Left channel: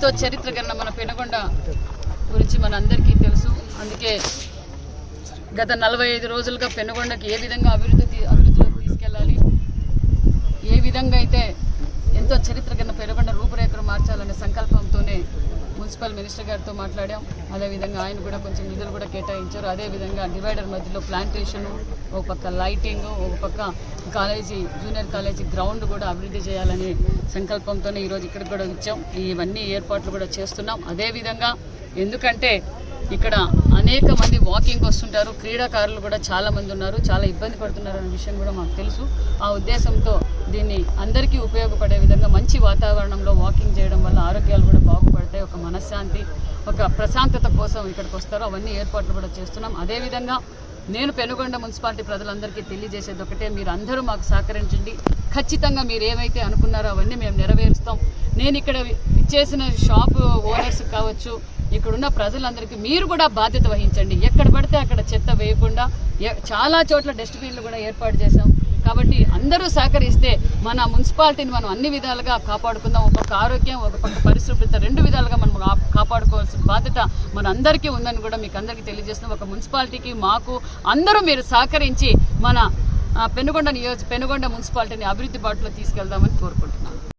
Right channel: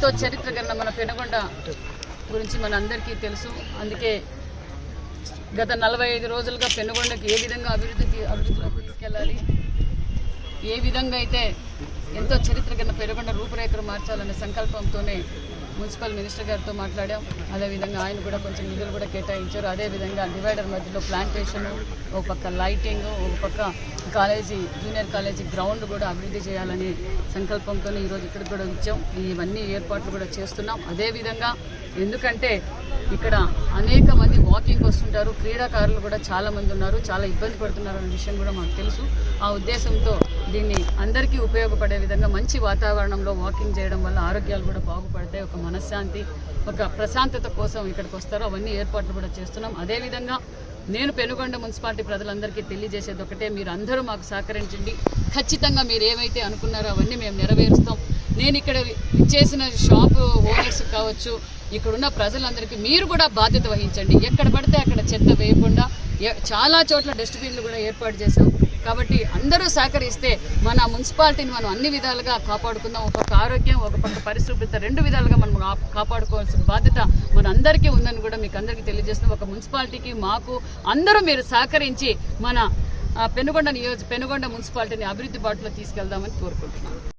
ఎంతో చరిత్ర గల మన పెనుగొండ గురించి మన అందరికీ తెలుసు. అందుకే గత 45 రోజులుగా పెనుగొండకి ఏ విధంగా అభివృద్ధిలో తీసుకెళ్ళాలి, ఏ విధంగా అయితే ఎంతో చరిత్ర గల పెనుగొండ రూపురేఖలు మార్చాలనే సంకల్పంతోనే మున్సిపల్ మినిస్టర్ గారితో మాట్లాడాం. అదేవిధంగా ఆయన కూడా కొంచెం నిధులు కూడా కేటాయించారు. అదేవిధంగా డివైడర్ మధ్యలో ప్లాంటేషన్, ఒక పక్క లైటింగ్, ఒక పక్క జూనియర్ కాలేజీ గ్రౌండ్ కూడా అభివృద్ధి చేయాలని సంకల్పంతోనే ఈరోజు ఇక్కడికి కూడా వచ్చాం. ఇవన్నీ ఏర్పాట్లు కూడా చేస్తున్నాం. అదేవిధంగా ఎందుకంటే ఇక్కడ అనేక మంది వాకింగ్ వస్తుంటారు, క్రీడాకారులు కూడా చాలా మంది ఉన్నారు, చాలా ఇబ్బంది పడుతున్నారు అనే విషయం కూడా మాకు తెలుసు. ఆ ఉద్దేశంతో దీన్ని అందరికీ ఉపయోగపడే విధంగా మంచి వాతావరణంలో వాకింగ్ చేయడం వల్ల ఆరోగ్యాలు కూడా బాగుపడతాయి. ఒక మనశ్శాంతి, ఒక ప్రశాంతత కోసం ఇక్కడికి వస్తారు. అవన్నీ ఏర్పాట్లు కూడా చేస్తున్నాం. అదేవిధంగా నేను పెనుగొండ మున్సిపాలిటీ ప్రజలందరికీ తెలియజేసేది ఒకటే, మీరు అందరూ మాకు సహకరించండి. ఖచ్చితంగా మీరు ఏమైతే అనుకున్నారో అవన్నీ మేము నెరవేరుస్తాం. నేను ఇక్కడ ఇచ్చేసిన షాపు ఓనర్స్ కావచ్చు, ఇక్కడున్న ప్రజలందరికీ మీరు కూడా బాధ్యత వహించండి. ఎక్కడ పడితే అక్కడ చెత్త వేయకుండా చాలా చోట్ల డస్ట్బిన్లు కూడా ఏర్పాటు చేశాం. కాబట్టి అందరూ సహకరిస్తే మన మున్సిపాలిటీని మనం అన్ని విధాలుగా కాపాడుకుందాం. ఒక పక్క ఆరోగ్యం, ఒక పక్క పరిశుభ్రత, 2 విధాలుగా మనం కాపాడుకోవాల్సిన బాధ్యత మన అందరికీ ఉందని కూడా మీకు అందరికీ తెలియజేస్తున్నాం. ఒక మున్సిపాలిటీకి మాకు అందరూ మీరు సహకరించి మన పెనుగొండ మున్సిపాలిటీని అభివృద్ధి బాటలో తీసుకెళ్దామని కోరుకుంటున్నాను.